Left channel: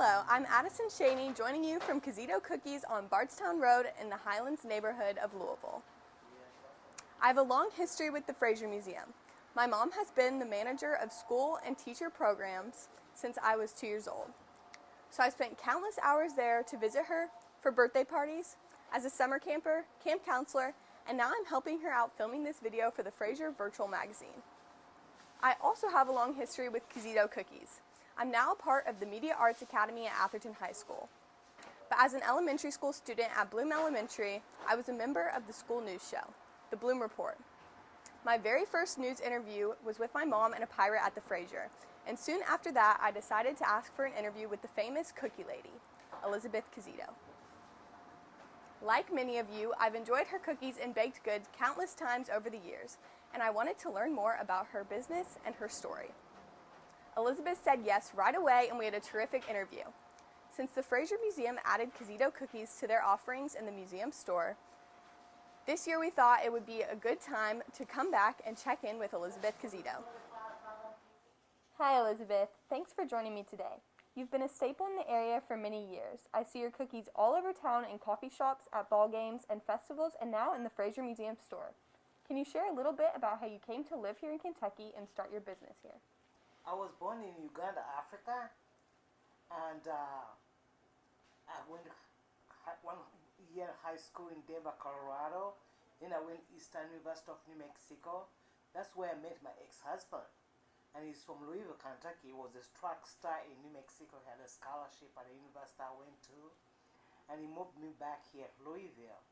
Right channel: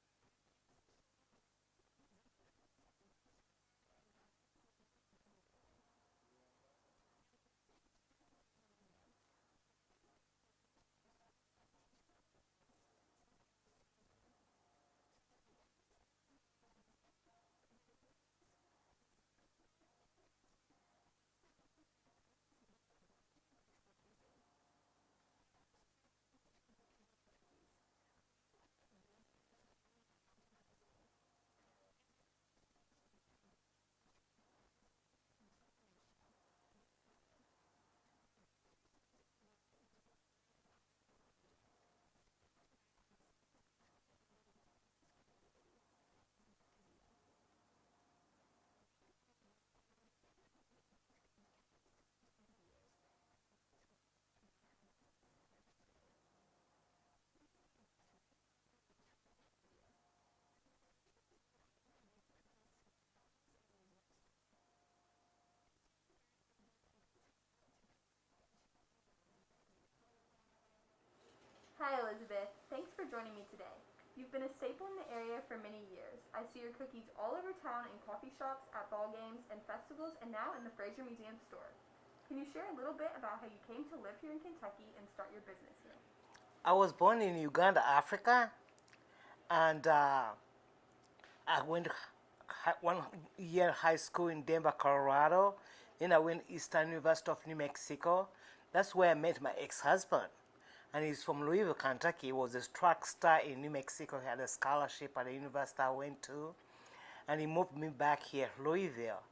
Hello, I'm Adison Schanie, joining you from Kizito Cookies on Bardstown Road in the Highlands neighborhood of Louisville. I have a long history with the Fraser Museum. My mom has been the manager of school and teacher programs since I was 2 years old. So I spent countless hours there to visit her for birthday parties, as a summer camper, camp counselor, and now I'm helping her out filming this video for the Fraser Virtual Magazine. I also have a long history with Kizito Cookies. I'm now a part of the Media Arts Academy at Atherton High School. But as an elementary school student at Bloom Elementary, I was a member of the school news show, The Bloom Report. My very first news interview was with my mom and a pirate at the Fraser, and soon after that I decided to ask for an interview with the famous cookie lady, Elizabeth Kizito. Like many of you, I've enjoyed her cookies and baked goods countless times over the years, and I wanted to learn more about her business and her story. Elizabeth said yes right away, and we had a terrific interview. Since the Fraser Museum added Kizito cookies to their offerings in the museum store, this year we thought it would be a good time to come back and check in with Elizabeth Kizito. Hi Elizabeth, thanks for joining me today. You've been a staple in the area for many years. I see your cookies all over town in coffee shops, at ball games, and festivals, and now in the Fraser Museum store. Can you share a little bit about how you came to live here in Kentucky and start your business here? I was born in Uganda, Africa, and I went 1 year high school in Denver, Colorado. Then I went Eastern University of New Mexico. That's where I met my ex-husband. And he's from Louisville, Kentucky. He was a track star in New Mexico. He had a scholarship at the university I went to. And he moved me back here, Louisville.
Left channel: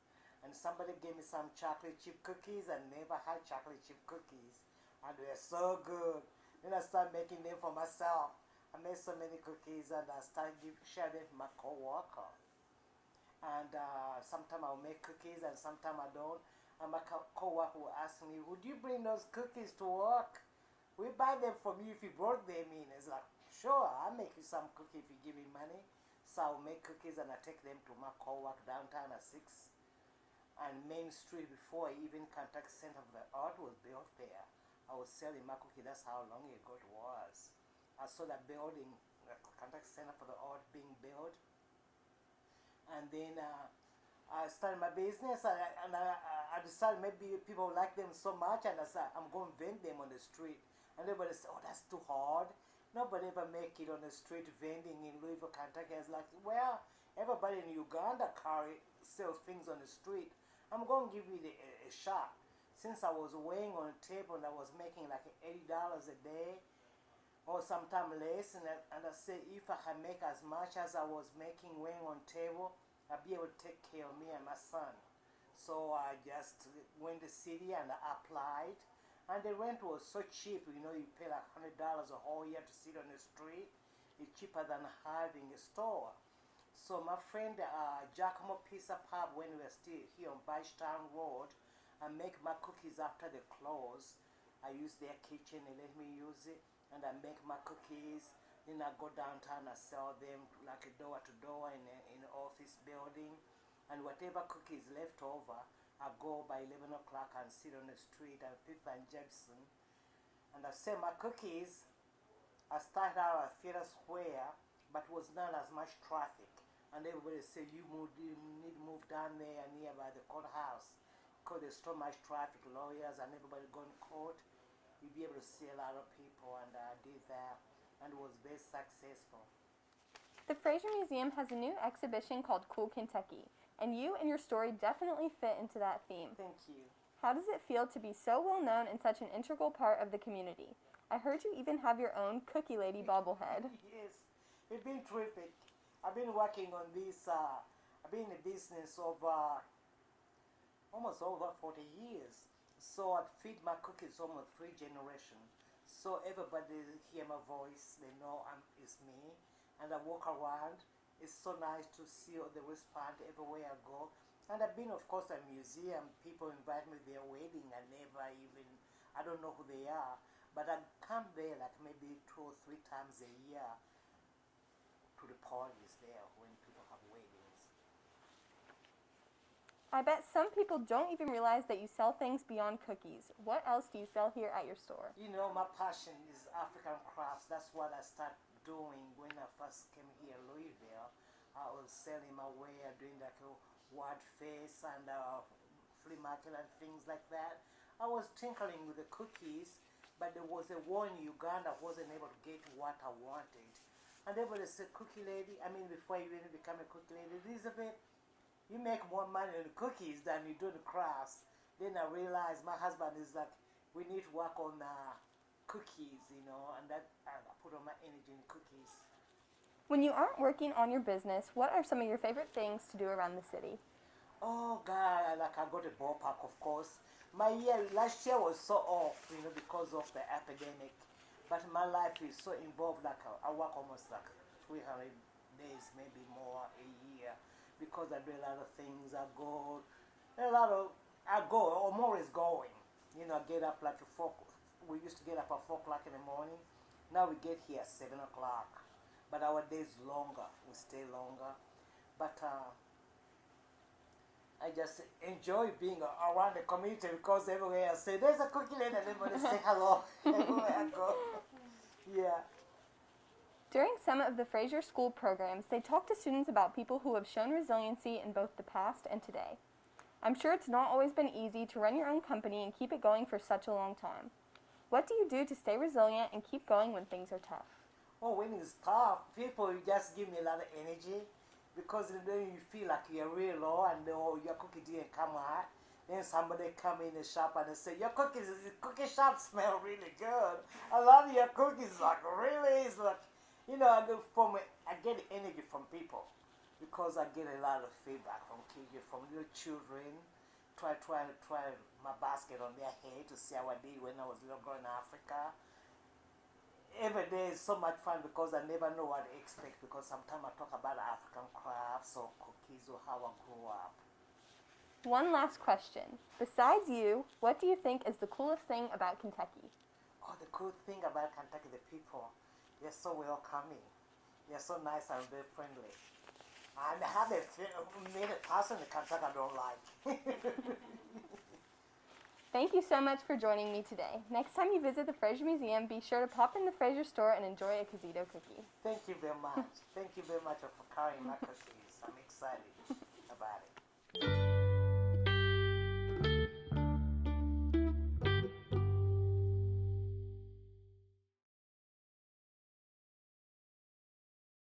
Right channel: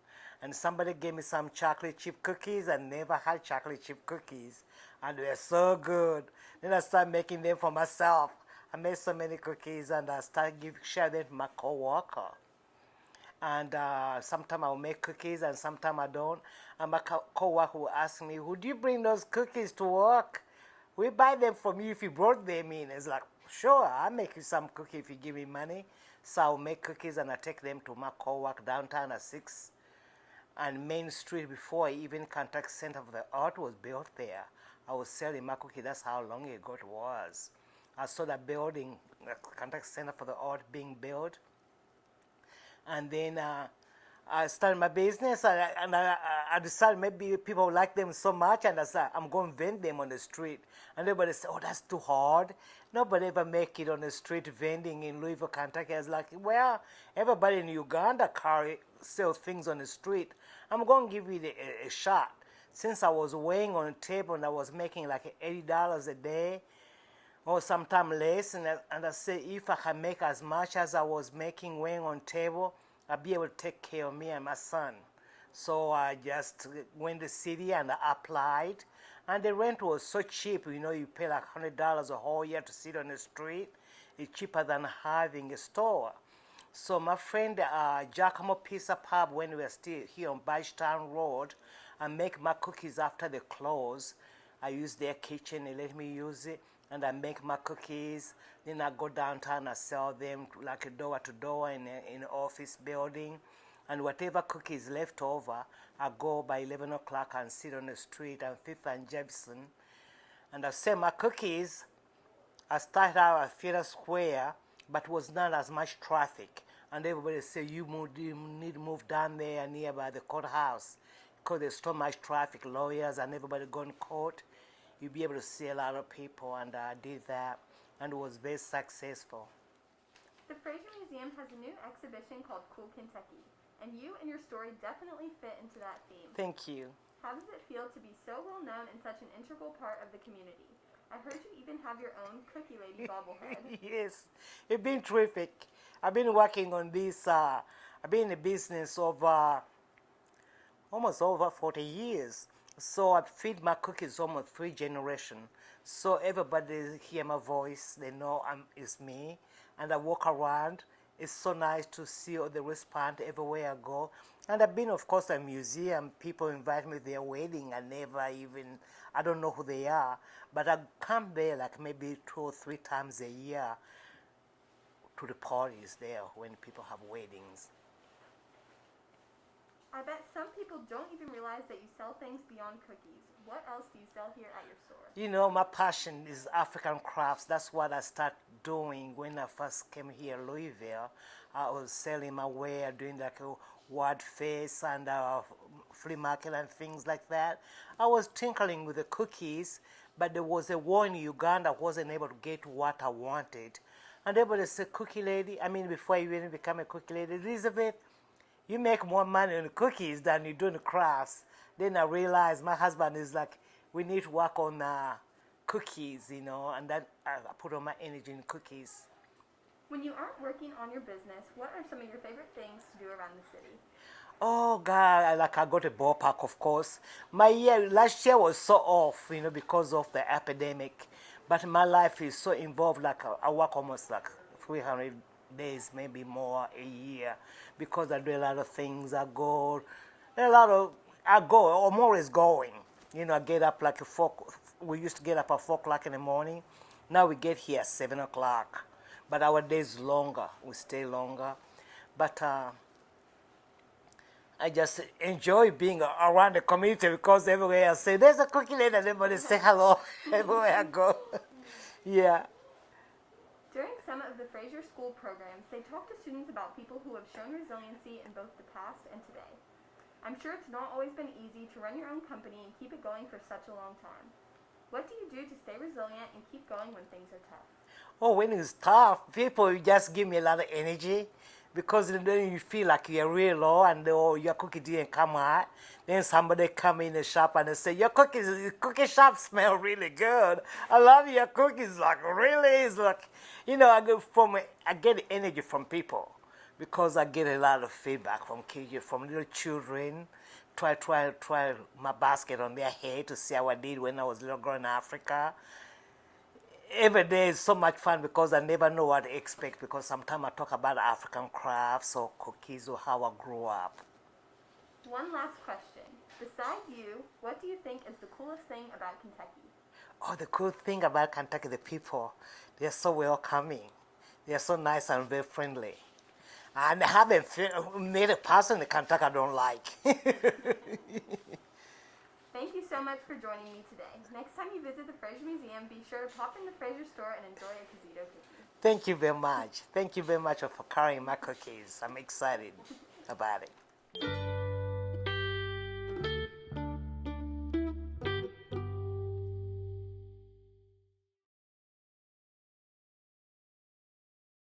And somebody gave me some chocolate chip cookies. I never had chocolate chip cookies. And they were so good. Then I started making them for myself. I made so many cookies and I started sharing them to my co-worker. And sometimes I'll make cookies and sometimes I don't. And my co-worker will ask me, would you bring those cookies to work? We buy them from you if you brought them in. It's like, sure, I'll make you some cookies if you give me money. So I'll make cookies and I take them to my co-work downtown at 6. And Main Street, before even Kentucky Center for the Art was built there, I was selling my cookies. That's how long ago it was. I saw that building, the Kentucky Center for the Art being built. And then I started my business, and I decided maybe people like them so much, and I said, I'm going to vend them on the street. And everybody said, oh, that's too hard. Nobody ever make it on the street vending in Louisville, Kentucky. I was like, well, everybody in Uganda sell things on the street. I'm going to give it a shot. Since I was weighing on a table and I was making like $80 a day, or sometime less, and I said, if I can make as much as I was making weighing on table, I'll be able to take care of me and my son. So I just went to the city and I applied. And the rent was so cheap, you pay like $100 a whole year to sit on the street. It's cheaper than having a store. So my friend Giacomo Pizza Pub, when we were still here on Bardstown Road, I make my cookies after they close. I use their kitchen, they let me use it. And I make my cookies. Then I go downtown, I sell them like a door to door in an office building. And whatever cookies left over, I go by 11 o'clock and sit on the street on 5th and Jefferson. And I sell my cookies. I started out at Theater Square, but was not as much traffic. And everybody said, you need to move down there nearby the courthouse because there's so much traffic, lawyers and everybody going to court. You'll be able to see a lot of people, and I did that, and it was very successful. The Fraser Museum has a new exhibition called Cool Kentucky, and you and your story definitely fit into that theme. Thank you. How does it feel to be so well known and such an integral part of the community? I heard you even have your own Cookie Lady bobblehead. Yes, it's been terrific. I've been working on this, I've been in the business of almost over 40 years. So I feed my cookies almost 3 generations. So everybody hear my voice, they know it's me. And I walk around. It's so nice to see all the response everywhere I go. And I've been, of course, at a museum. People invite me to their wedding. I don't know who they are. But I come there like maybe 2 or 3 times a year to the parties there when people have weddings. I bet some people don't even realize that you sell things beyond cookies. What else do you sell here at your store? My passion is African crafts. That's what I started doing when I first came here, Louisville. I was selling my ware, doing like a word face and flea market and things like that. I was tinkering with the cookies, but there was a war in Uganda. I wasn't able to get what I wanted. And everybody said, cookie lady, I mean, before you even become a cookie lady, Elizabeth, you make more money on the cookies than you do in the crafts. Then I realized my husband is like, we need to work on cookies, you know, and then I put all my energy in cookies. When you aren't working on your business, what are some of your favorite things to do around the city? Oh God, I got a ballpark, of course. Last year was so off, you know, because of the epidemic. But my life is so involved, like I work almost like 300 days, maybe more a year, because I do a lot of things. I go, I'm always going. You know, I get up like we used to get up at 4 o'clock in the morning. Now we get here at 7 o'clock. But our days longer, we stay longer. But I just enjoy being around the community because everywhere I say, there's a cookie lady, and everybody say hello everywhere I go. Yeah. During some of the Fraser School programs, they talk to students about people who have shown resiliency in both the past and today. I'm sure it's not always been easy to run your own company and keep it going for such a long time. What do you do to stay resilient and keep going when things are tough? Oh, when it's tough, people just give me a lot of energy because then you feel like you're real low and your cookie didn't come out. Then somebody come in the shop and they say, your cookie shop smell really good. I love your cookies. Like, really? It's like, you know, I get energy from people because I get a lot of feedback from kids, from little children. Try my basket on their head to see how I did when I was a little girl in Africa. Every day is so much fun because I never know what to expect because sometimes I talk about African crafts or cookies or how I grew up. One last question. Besides you, what do you think is the coolest thing about Kentucky? Oh, the cool thing about Kentucky, the people, they're so welcoming. They're so nice and very friendly. And I haven't met a person in Kentucky I don't like. Thank you so much for joining me today. Next time you visit the Fraser Museum, be sure to pop in the Fraser store and enjoy a Kizito cookie. Thank you very much. Thank you very much for carrying my cookies. I'm excited about it.